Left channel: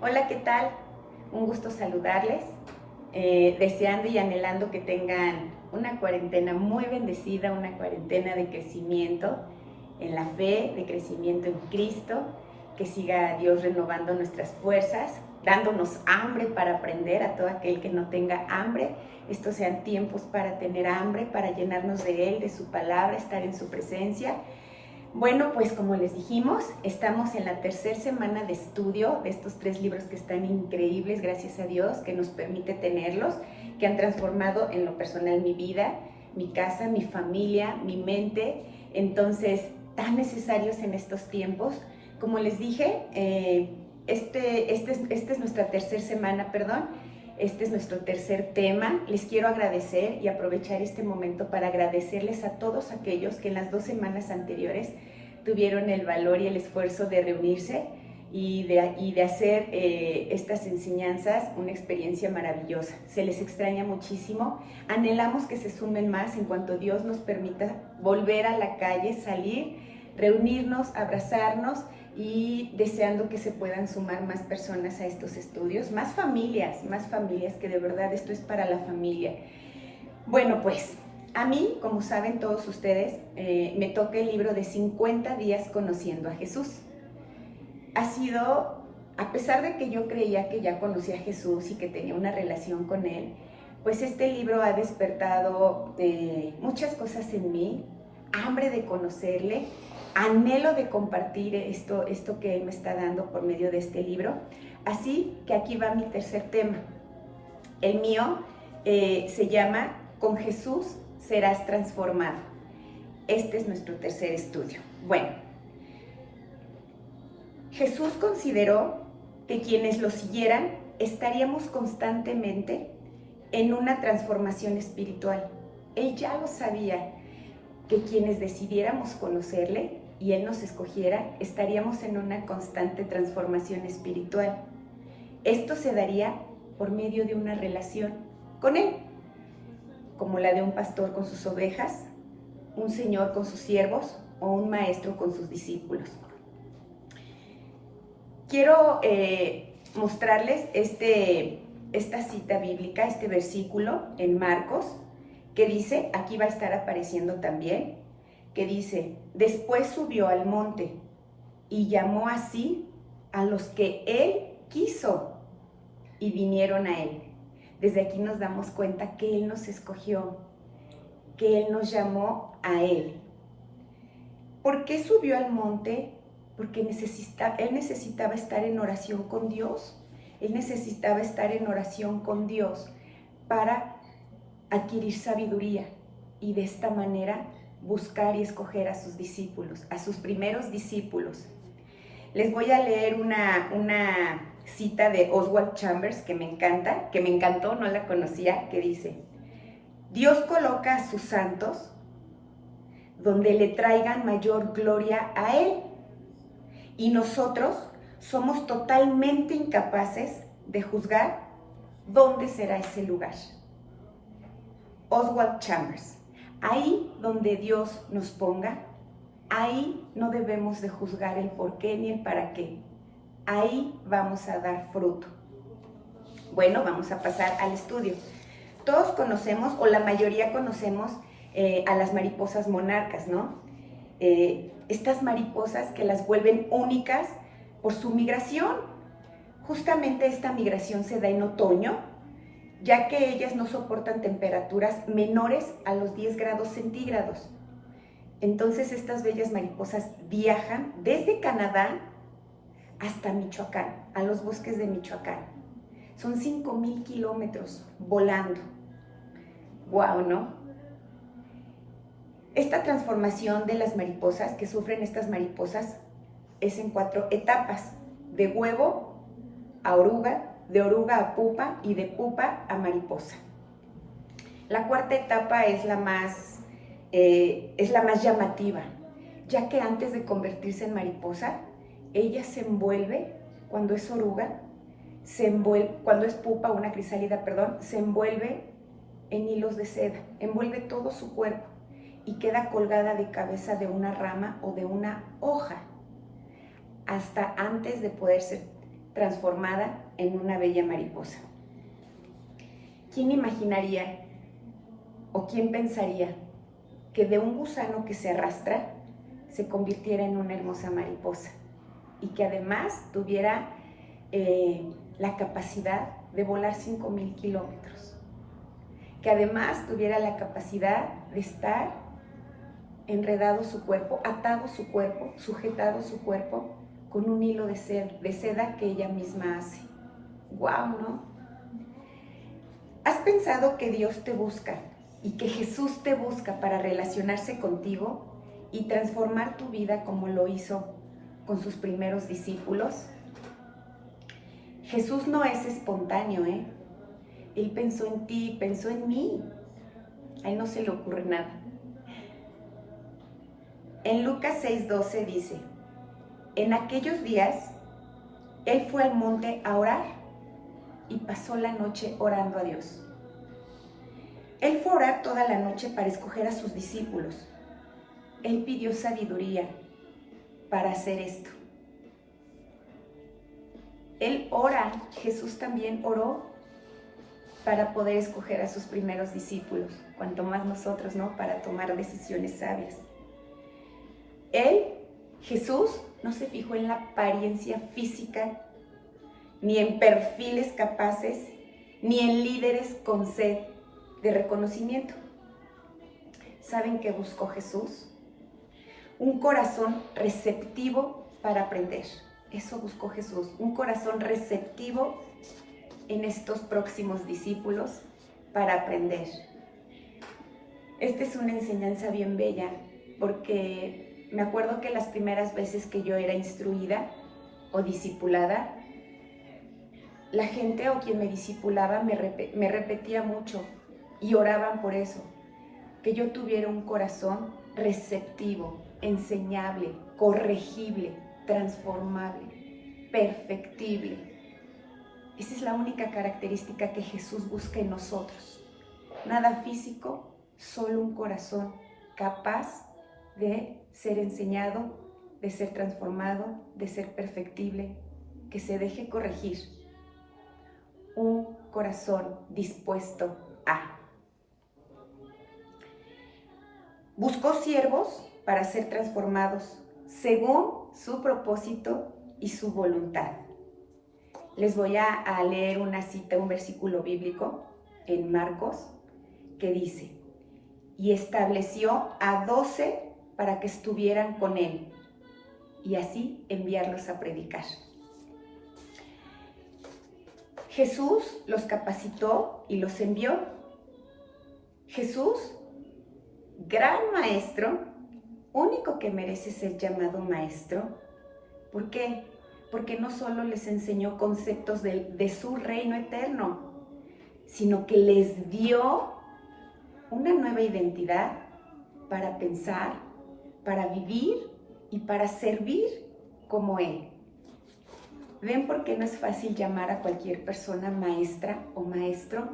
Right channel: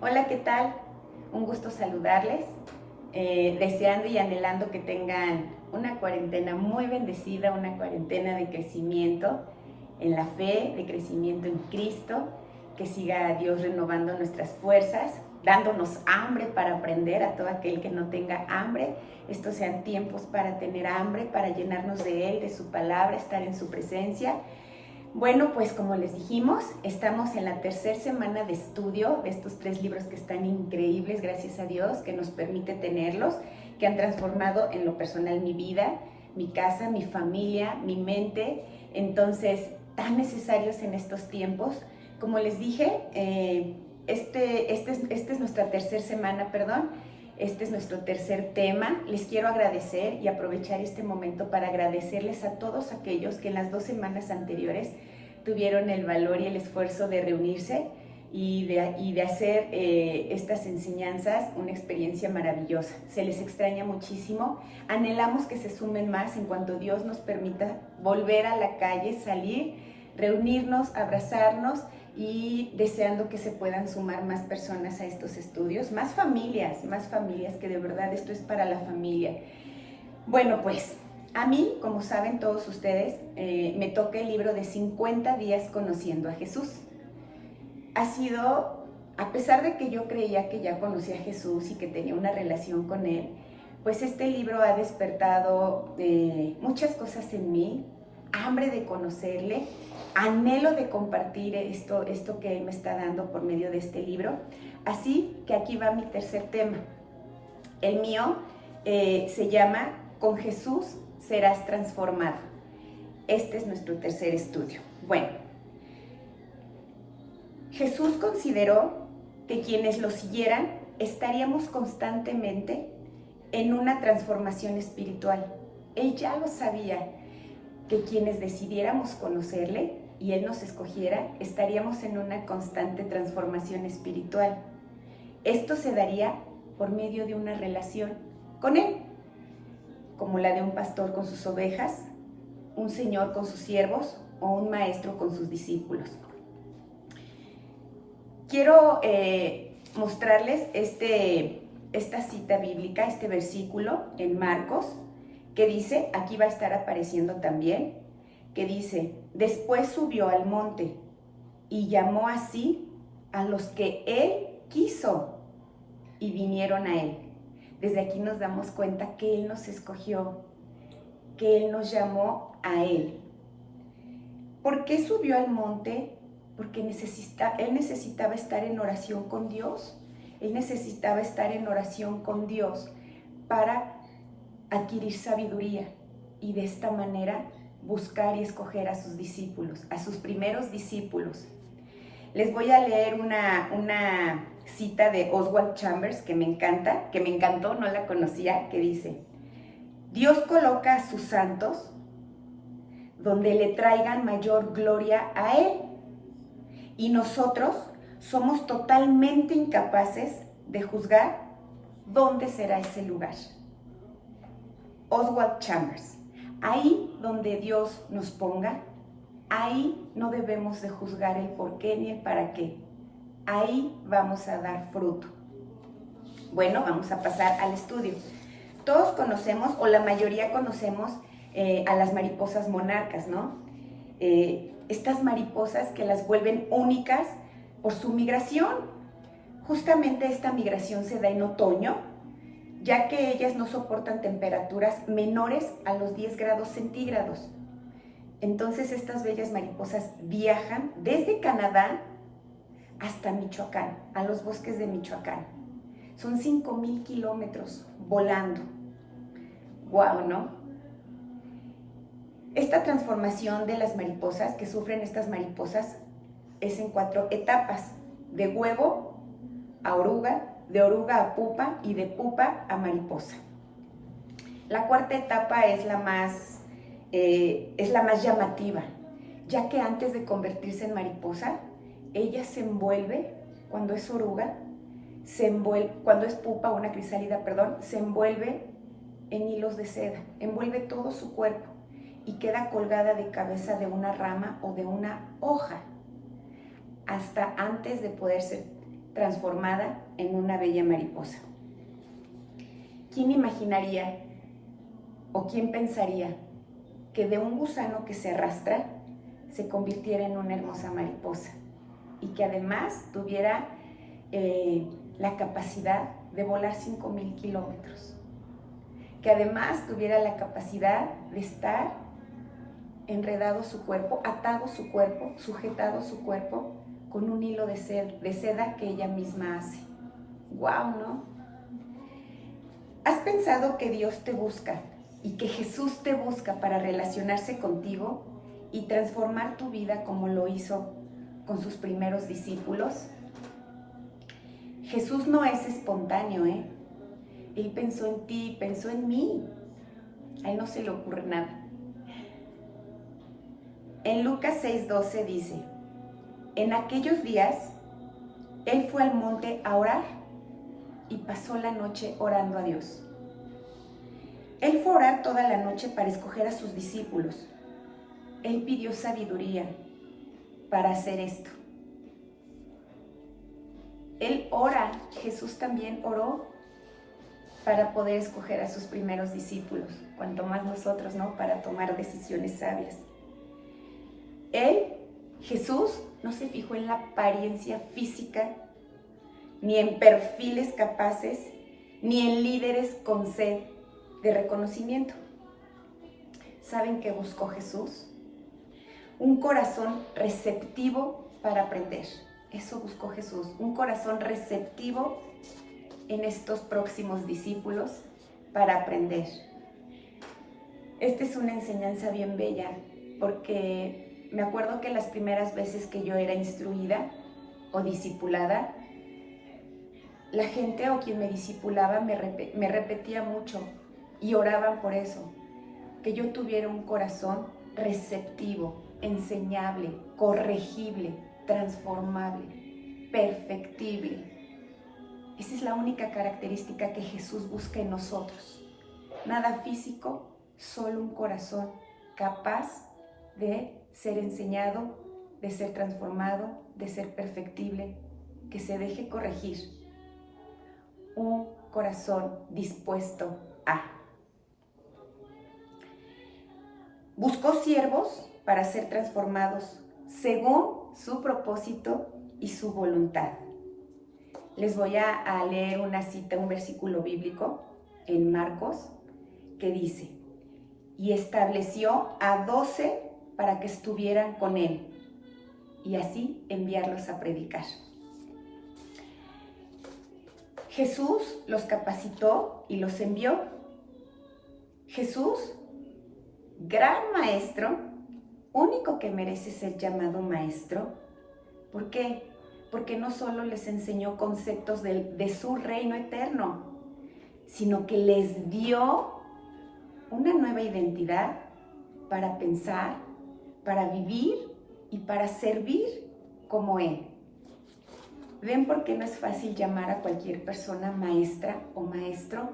Hola, ¿qué tal? Un gusto saludarles, deseando y anhelando que tengan una cuarentena muy bendecida, una cuarentena de crecimiento en la fe, de crecimiento en Cristo, que siga Dios renovando nuestras fuerzas, dándonos hambre para aprender a todo aquel que no tenga hambre. Estos sean tiempos para tener hambre, para llenarnos de Él, de su palabra, estar en su presencia. Bueno, pues como les dijimos, estamos en la tercera semana de estudio de estos 3 libros que están increíbles, gracias a Dios, que nos permite tenerlos, que han transformado en lo personal mi vida, mi casa, mi familia, mi mente. Entonces, tan necesarios en estos tiempos. Como les dije, esta es nuestra tercera semana, perdón. Este es nuestro tercer tema. Les quiero agradecer y aprovechar este momento para agradecerles a todos aquellos que en las 2 semanas anteriores tuvieron el valor y el esfuerzo de reunirse y de hacer estas enseñanzas una experiencia maravillosa. Se les extraña muchísimo. Anhelamos que se sumen más en cuanto Dios nos permita volver a la calle, salir, reunirnos, abrazarnos y deseando que se puedan sumar más personas a estos estudios, más familias, que de verdad esto es para la familia. Bueno, pues a mí, como saben todos ustedes, me toca el libro de 50 días conociendo a Jesús. Ha sido, a pesar de que yo creía que ya conocía a Jesús y que tenía una relación con Él, pues este libro ha despertado muchas cosas en mí, hambre de conocerle, anhelo de compartir esto que Él me está dando por medio de este libro. Así que aquí va mi tercer tema. El mío se llama Con Jesús serás transformado. Este es nuestro tercer estudio. Bueno, Jesús consideró que quienes lo siguieran estaríamos constantemente en una transformación espiritual. Él ya lo sabía, que quienes decidiéramos conocerle y Él nos escogiera, estaríamos en una constante transformación espiritual. Esto se daría por medio de una relación con Él, como la de un pastor con sus ovejas, un señor con sus siervos o un maestro con sus discípulos. Quiero mostrarles esta cita bíblica, este versículo en Marcos, que dice, aquí va a estar apareciendo también, que dice, después subió al monte y llamó así a los que Él quiso y vinieron a Él. Desde aquí nos damos cuenta que Él nos escogió, que Él nos llamó a Él. ¿Por qué subió al monte? Porque Él necesitaba estar en oración con Dios. Él necesitaba estar en oración con Dios para adquirir sabiduría y de esta manera buscar y escoger a sus discípulos, a sus primeros discípulos. Les voy a leer una cita de Oswald Chambers que me encantó, no la conocía, que dice, Dios coloca a sus santos donde le traigan mayor gloria a Él. Y nosotros somos totalmente incapaces de juzgar dónde será ese lugar. Oswald Chambers. Ahí donde Dios nos ponga, ahí no debemos de juzgar el por qué ni el para qué. Ahí vamos a dar fruto. Bueno, vamos a pasar al estudio. Todos conocemos, o la mayoría conocemos, a las mariposas monarcas, ¿no? Estas mariposas que las vuelven únicas por su migración. Justamente esta migración se da en otoño, ya que ellas no soportan temperaturas menores a los 10 grados centígrados. Entonces estas bellas mariposas viajan desde Canadá hasta Michoacán, a los bosques de Michoacán. Son 5,000 kilómetros volando. ¡Guau!, ¿no? Esta transformación de las mariposas, que sufren estas mariposas, es en 4 etapas: de huevo a oruga, de oruga a pupa y de pupa a mariposa. La cuarta etapa es la más llamativa, ya que antes de convertirse en mariposa, ella se envuelve, cuando es oruga, cuando es pupa, una crisálida, perdón, se envuelve en hilos de seda, envuelve todo su cuerpo y queda colgada de cabeza de una rama o de una hoja, hasta antes de poder ser transformada en una bella mariposa. ¿Quién imaginaría o quién pensaría que de un gusano que se arrastra se convirtiera en una hermosa mariposa y que además tuviera la capacidad de volar 5,000 kilómetros? Que además tuviera la capacidad de estar enredado su cuerpo, atado su cuerpo, sujetado su cuerpo con un hilo de seda que ella misma hace. ¡Guau!, ¿no? ¿Has pensado que Dios te busca y que Jesús te busca para relacionarse contigo y transformar tu vida como lo hizo con sus primeros discípulos? Jesús no es espontáneo, ¿eh? Él pensó en ti, pensó en mí. A Él no se le ocurre nada. En Lucas 6:12 dice: en aquellos días, Él fue al monte a orar y pasó la noche orando a Dios. Él fue a orar toda la noche para escoger a sus discípulos. Él pidió sabiduría para hacer esto. Él ora, Jesús también oró para poder escoger a sus primeros discípulos, cuanto más nosotros, ¿no? Para tomar decisiones sabias. Él, Jesús, no se fijó en la apariencia física, ni en perfiles capaces, ni en líderes con sed de reconocimiento. ¿Saben qué buscó Jesús? Un corazón receptivo para aprender. Eso buscó Jesús, un corazón receptivo en estos próximos discípulos para aprender. Esta es una enseñanza bien bella, porque me acuerdo que las primeras veces que yo era instruida o discipulada, la gente o quien me discipulaba me repetía mucho y oraban por eso, que yo tuviera un corazón receptivo, enseñable, corregible, transformable, perfectible. Esa es la única característica que Jesús busca en nosotros. Nada físico, solo un corazón capaz de ser enseñado, de ser transformado, de ser perfectible, que se deje corregir. Un corazón dispuesto a. Buscó siervos para ser transformados según su propósito y su voluntad. Les voy a leer una cita, un versículo bíblico en Marcos que dice: y estableció a 12 para que estuvieran con él y así enviarlos a predicar. Jesús los capacitó y los envió. Jesús, gran maestro, único que merece ser llamado maestro. ¿Por qué? Porque no solo les enseñó conceptos de su reino eterno, sino que les dio una nueva identidad para pensar, para vivir y para servir como Él. ¿Ven por qué no es fácil llamar a cualquier persona maestra o maestro?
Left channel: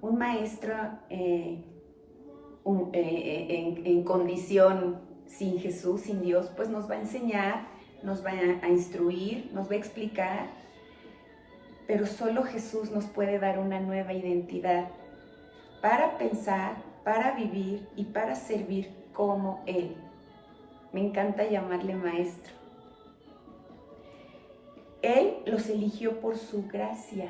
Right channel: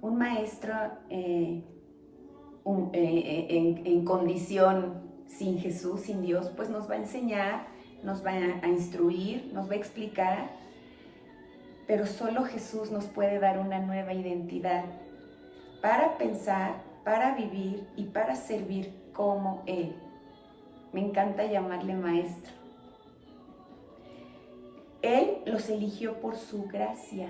Un maestro en condición sin Jesús, sin Dios, pues nos va a enseñar, nos va a instruir, nos va a explicar, pero solo Jesús nos puede dar una nueva identidad para pensar, para vivir y para servir como Él. Me encanta llamarle maestro. Él los eligió por su gracia.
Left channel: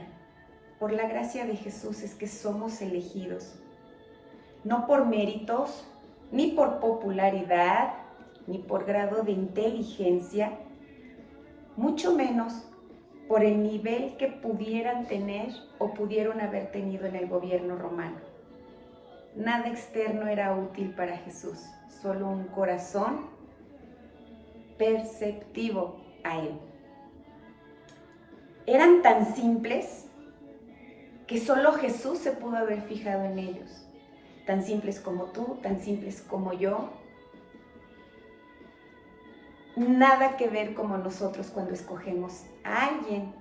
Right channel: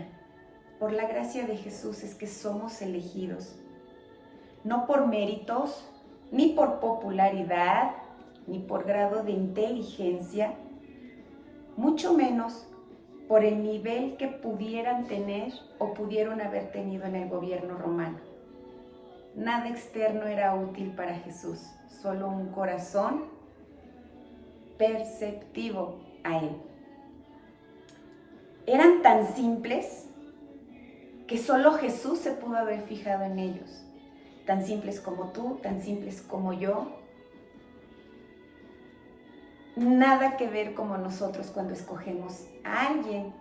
Por la gracia de Jesús es que somos elegidos. No por méritos, ni por popularidad, ni por grado de inteligencia, mucho menos por el nivel que pudieran tener o pudieron haber tenido en el gobierno romano. Nada externo era útil para Jesús, solo un corazón perceptivo a Él. Eran tan simples que solo Jesús se pudo haber fijado en ellos. Tan simples como tú, tan simples como yo. Nada que ver como nosotros cuando escogemos a alguien.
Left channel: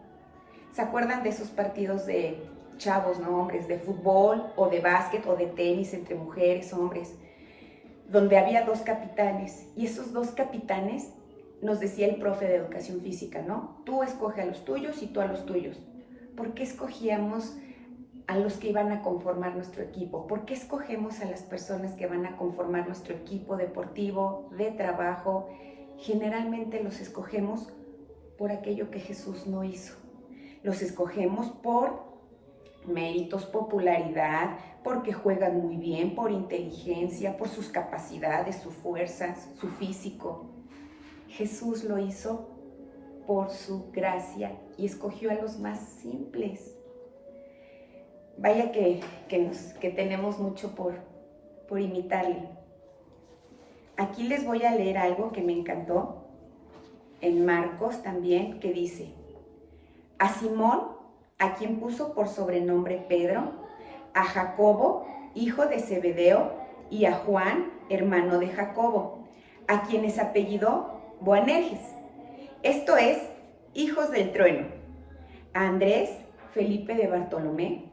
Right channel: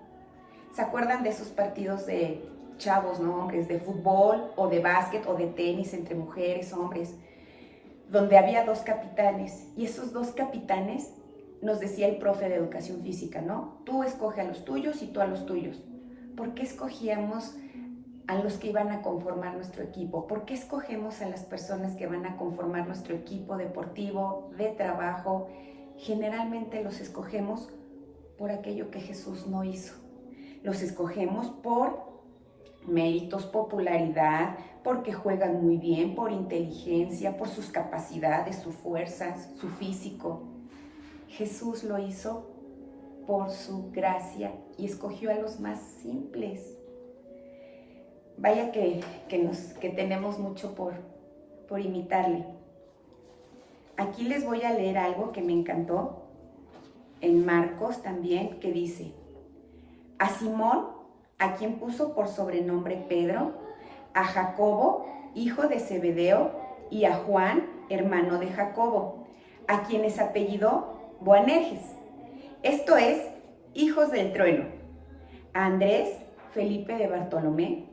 ¿Se acuerdan de esos partidos de chavos, no hombres, de fútbol o de básquet o de tenis entre mujeres, hombres, donde había 2 capitanes y esos 2 capitanes nos decía el profe de educación física, ¿no? Tú escoge a los tuyos y tú a los tuyos. ¿Por qué escogíamos a los que iban a conformar nuestro equipo? ¿Por qué escogemos a las personas que van a conformar nuestro equipo deportivo, de trabajo? Generalmente los escogemos por aquello que Jesús no hizo. Los escogemos por méritos, popularidad, porque juegan muy bien, por inteligencia, por sus capacidades, su fuerza, su físico. Jesús lo hizo por su gracia y escogió a los más simples. Vaya que tenemos mucho por imitarle. Aquí les voy a leer algo que me encantó, en Marcos también, que dice: a Simón, a quien puso por sobrenombre Pedro, a Jacobo, hijo de Zebedeo, y a Juan, hermano de Jacobo, a quienes apellidó Boanerges, esto es, hijos del trueno, a Andrés, Felipe de Bartolomé,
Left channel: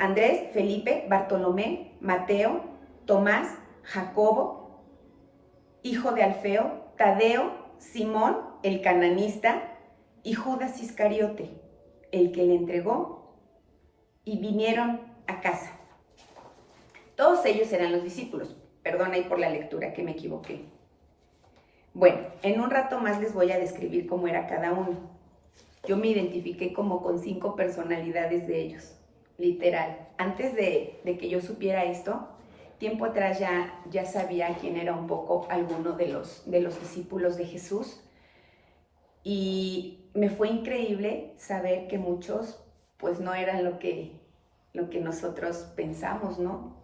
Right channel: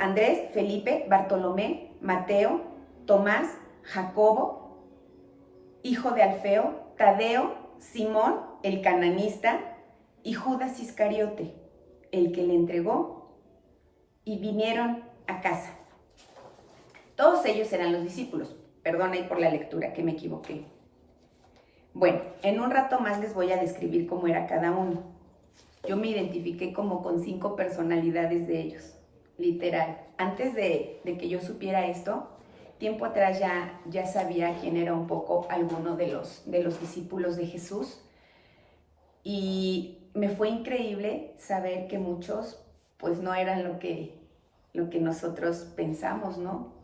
Andrés, Felipe, Bartolomé, Mateo, Tomás, Jacobo, hijo de Alfeo, Tadeo, Simón, el cananista, y Judas Iscariote, el que le entregó, y vinieron a casa. Todos ellos eran los discípulos. Perdón ahí por la lectura, que me equivoqué. Bueno, en un rato más les voy a describir cómo era cada uno. Yo me identifiqué como con 5 personalidades de ellos, literal. Antes de que yo supiera esto, tiempo atrás ya sabía quién era un poco alguno de los discípulos de Jesús. Y me fue increíble saber que muchos pues no eran lo que nosotros pensamos, ¿no?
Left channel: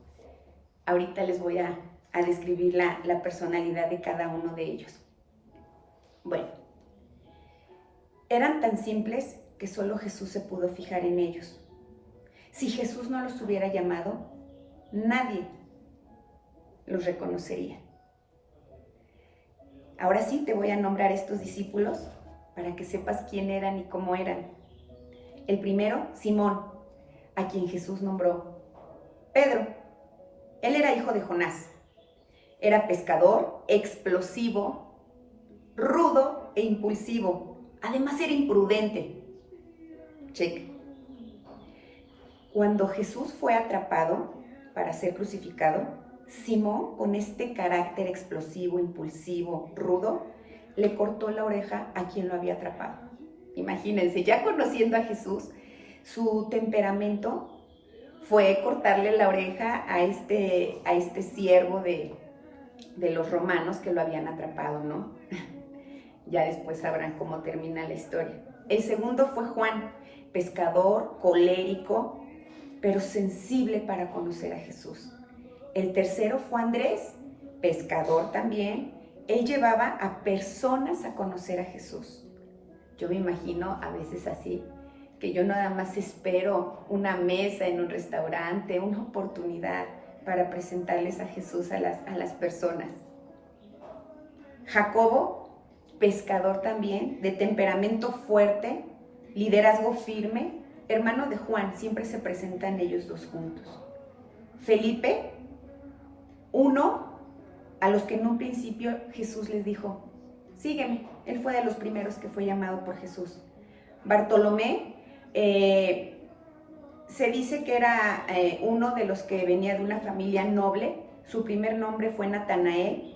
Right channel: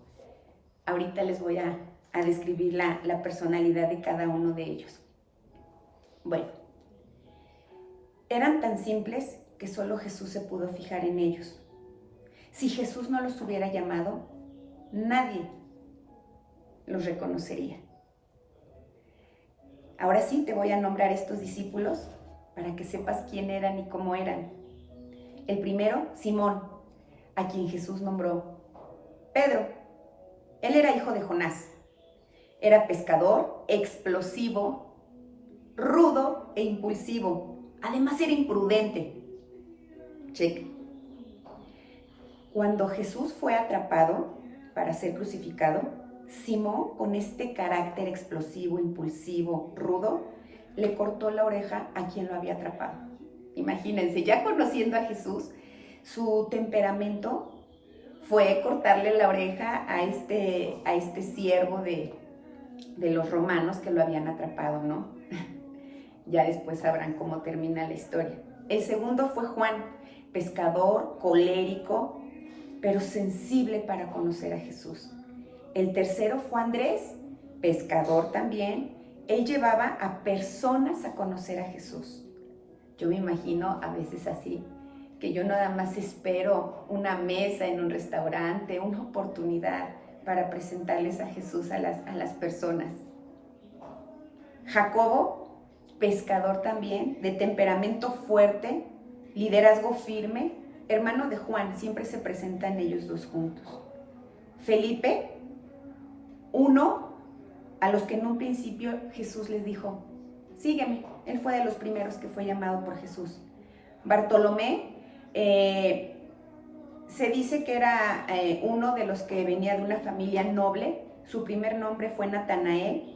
Ahorita les voy a describir la personalidad de cada uno de ellos. Bueno, eran tan simples que solo Jesús se pudo fijar en ellos. Si Jesús no los hubiera llamado, nadie los reconocería. Ahora sí te voy a nombrar estos discípulos para que sepas quién eran y cómo eran. El primero, Simón, a quien Jesús nombró Pedro. Él era hijo de Jonás. Era pescador, explosivo, rudo e impulsivo. Además era imprudente. Check. Cuando Jesús fue atrapado para ser crucificado, Simón, con este carácter explosivo, impulsivo, rudo, le cortó la oreja a quien lo había atrapado. Imagínense, ya conociendo a Jesús, su temperamento fue cortarle la oreja a este siervo de los romanos que lo habían atrapado, ¿no? Ya después sabrán cómo termina la historia. El segundo fue Juan, pescador, colérico, pero sensible para conocer a Jesús. El tercero fue Andrés, pescador también. Él llevaba a personas a conocer a Jesús. Yo me imagino a veces así, que yo nada más espero una mesa en un restaurante, una oportunidad para presentarles a Jesús a las personas. Jacobo, pescador también, de temperamento fuerte, liderazgo firme, hermano de Juan, siempre se presentan ellos dos juntos. Felipe, uno a los que en un principio Jesús les dijo, sígueme. Él fue de los primeros que fue llamado por Jesús. Bartolomé, se dice que era uno de los que venía de una familia noble. Su primer nombre fue Natanael.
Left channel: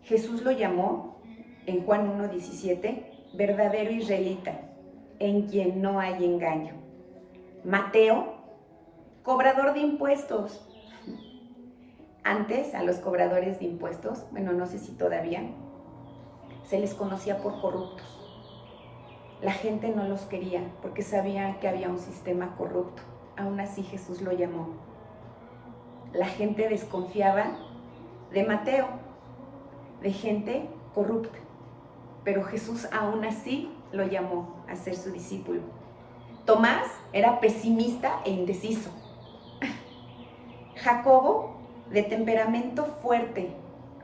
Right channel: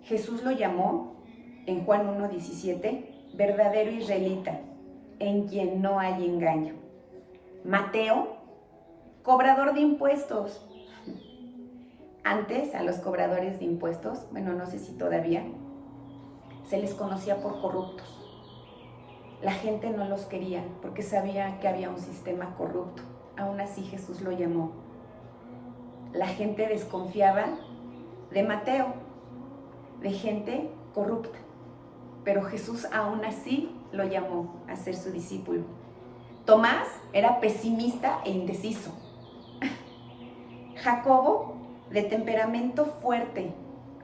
Jesús lo llamó, en Juan 1:17, verdadero israelita, en quien no hay engaño. Mateo, cobrador de impuestos. Antes a los cobradores de impuestos, bueno, no sé si todavía, se les conocía por corruptos. La gente no los quería porque sabía que había un sistema corrupto. Aún así Jesús lo llamó. La gente desconfiaba de Mateo, de gente corrupta, pero Jesús aún así lo llamó a ser su discípulo. Tomás era pesimista e indeciso. Jacobo, de temperamento fuerte,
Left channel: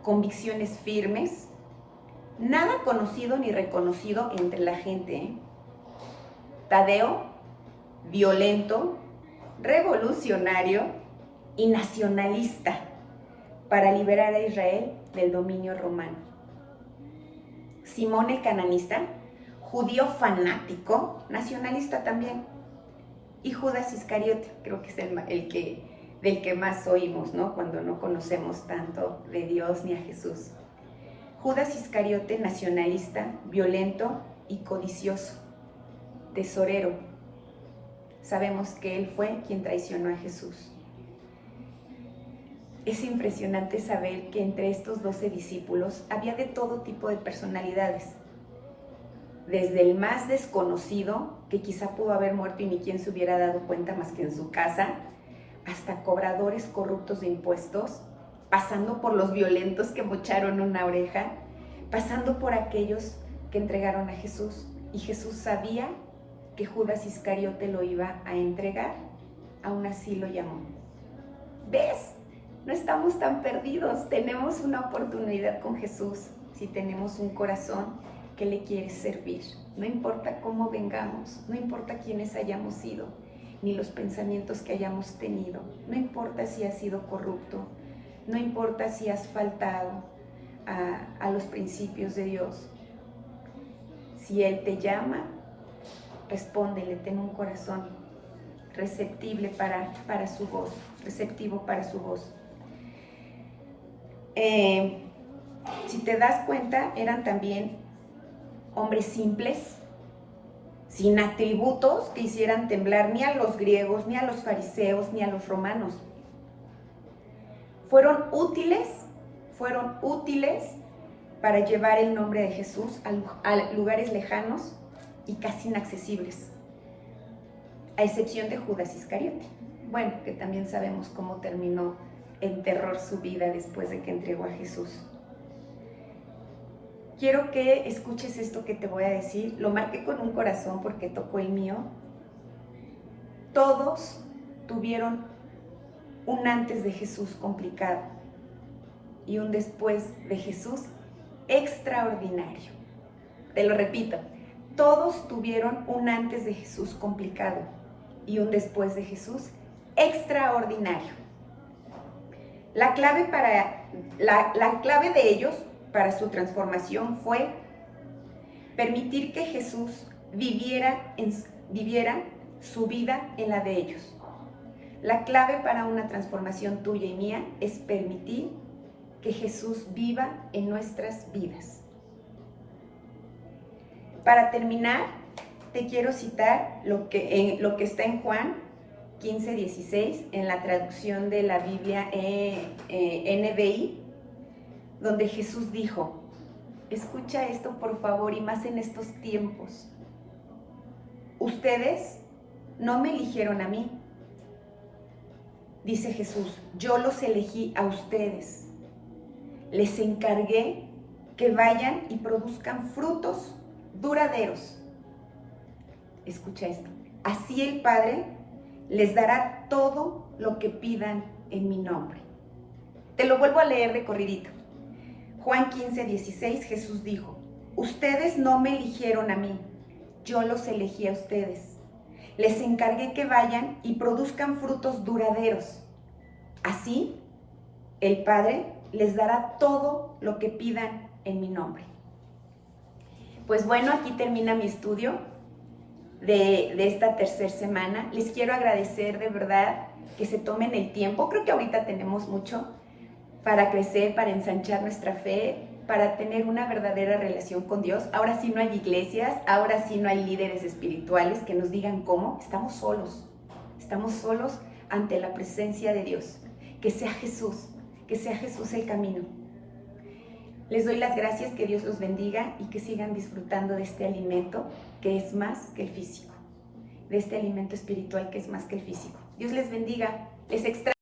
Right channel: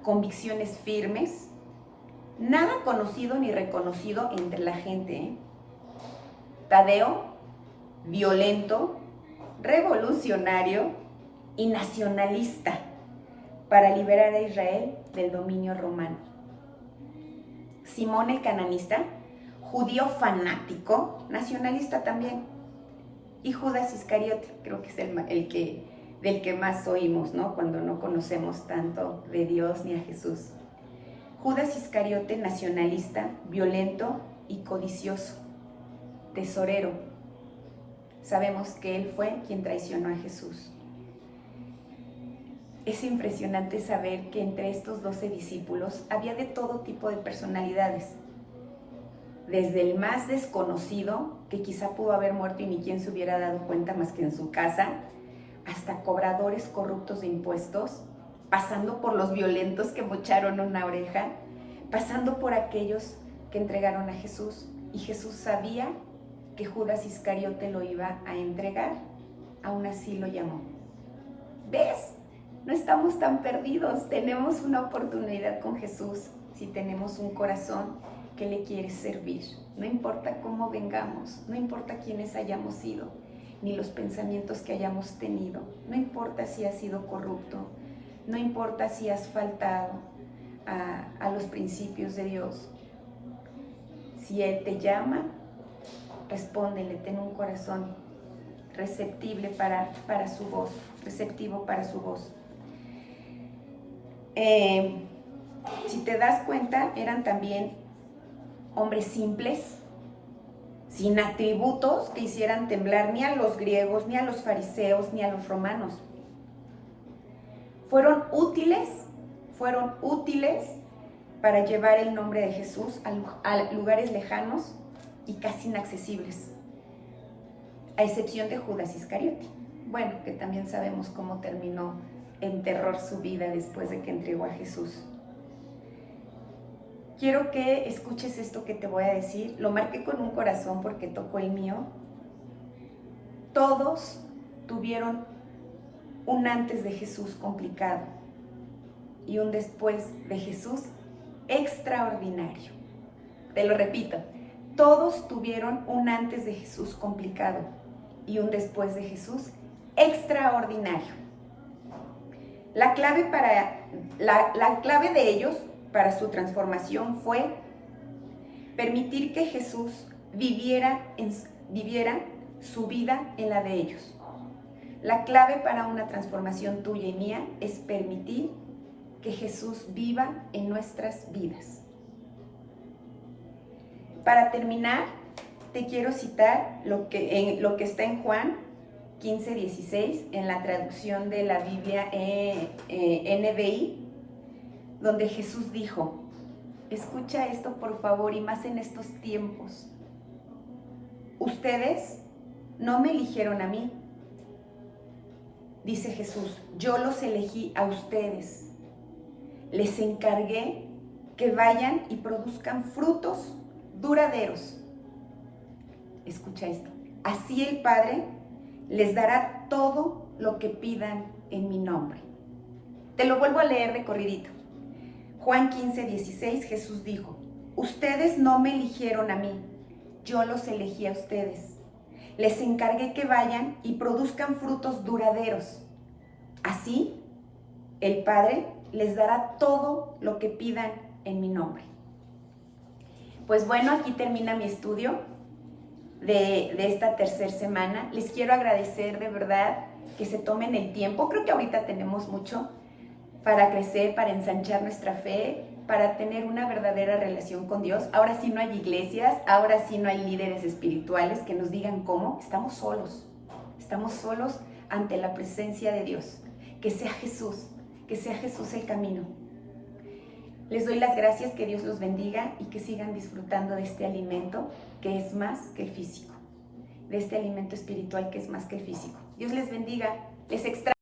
convicciones firmes, nada conocido ni reconocido entre la gente. Tadeo, violento, revolucionario y nacionalista para liberar a Israel del dominio romano. Simón el cananista, judío fanático, nacionalista también, y Judas Iscariote, creo que es del que más oímos, ¿no? Cuando no conocemos tanto de Dios ni a Jesús. Judas Iscariote, nacionalista, violento y codicioso, tesorero. Sabemos que él fue quien traicionó a Jesús. Es impresionante saber que entre estos 12 discípulos había de todo tipo de personalidades. Desde el más desconocido, que quizá pudo haber muerto y ni quien se hubiera dado cuenta más que en su casa, hasta cobradores corruptos de impuestos, pasando por los violentos que mocharon una oreja, pasando por aquellos que entregaron a Jesús. Y Jesús sabía que Judas Iscariote lo iba a entregar, aún así lo llamó. ¿Ves? No estamos tan perdidos, tenemos una oportunidad con Jesús si tenemos un corazón que le quiere servir. No importa cómo vengamos, no importa quiénes hayamos sido, ni los pensamientos que hayamos tenido, no importa si has sido corrupto, no importa si has faltado a los principios de Dios. Si Él te llama, respóndele, ten un corazón receptible para su voz, receptivo para su voz. Si te das cuenta, eran también hombres simples, sin atributos que hicieran temblar ni a los griegos, ni a los fariseos, ni a los romanos. Fueron útiles para llevar el nombre de Jesús a lugares lejanos y casi inaccesibles, a excepción de Judas Iscariote. Bueno, que también sabemos cómo terminó en terror su vida después de que entregó a Jesús. Quiero que escuches esto que te voy a decir. Lo marqué con un corazón porque tocó el mío. Todos tuvieron un antes de Jesús complicado y un después de Jesús extraordinario. Te lo repito, todos tuvieron un antes de Jesús complicado y un después de Jesús extraordinario. La clave de ellos para su transformación fue permitir que Jesús viviera su vida en la de ellos. La clave para una transformación tuya y mía es permitir que Jesús viva en nuestras vidas. Para terminar, te quiero citar lo que está en Juan 15:16, en la traducción de la Biblia NBI, donde Jesús dijo, escucha esto por favor, y más en estos tiempos. Ustedes no me eligieron a mí, dice Jesús, yo los elegí a ustedes. Les encargué que vayan y produzcan frutos duraderos. Escucha esto. Así el Padre les dará todo lo que pidan en mi nombre. Te lo vuelvo a leer de corridito. Juan 15:16, Jesús dijo, ustedes no me eligieron a mí, yo los elegí a ustedes. Les encargué que vayan y produzcan frutos duraderos. Así, el Padre les dará todo lo que pidan en mi nombre. Pues bueno, aquí termina mi estudio de esta tercera semana. Les quiero agradecer de verdad que se tomen el tiempo. Creo que ahorita tenemos mucho para crecer, para ensanchar nuestra fe, para tener una verdadera relación con Dios. Ahora sí no hay iglesias, ahora sí no hay líderes espirituales que nos digan cómo. Estamos solos ante la presencia de Dios. Que sea Jesús el camino. Les doy las gracias, que Dios los bendiga y que sigan disfrutando de este alimento que es más que el físico, de este alimento espiritual que es más que el físico. Dios les bendiga, les extraño.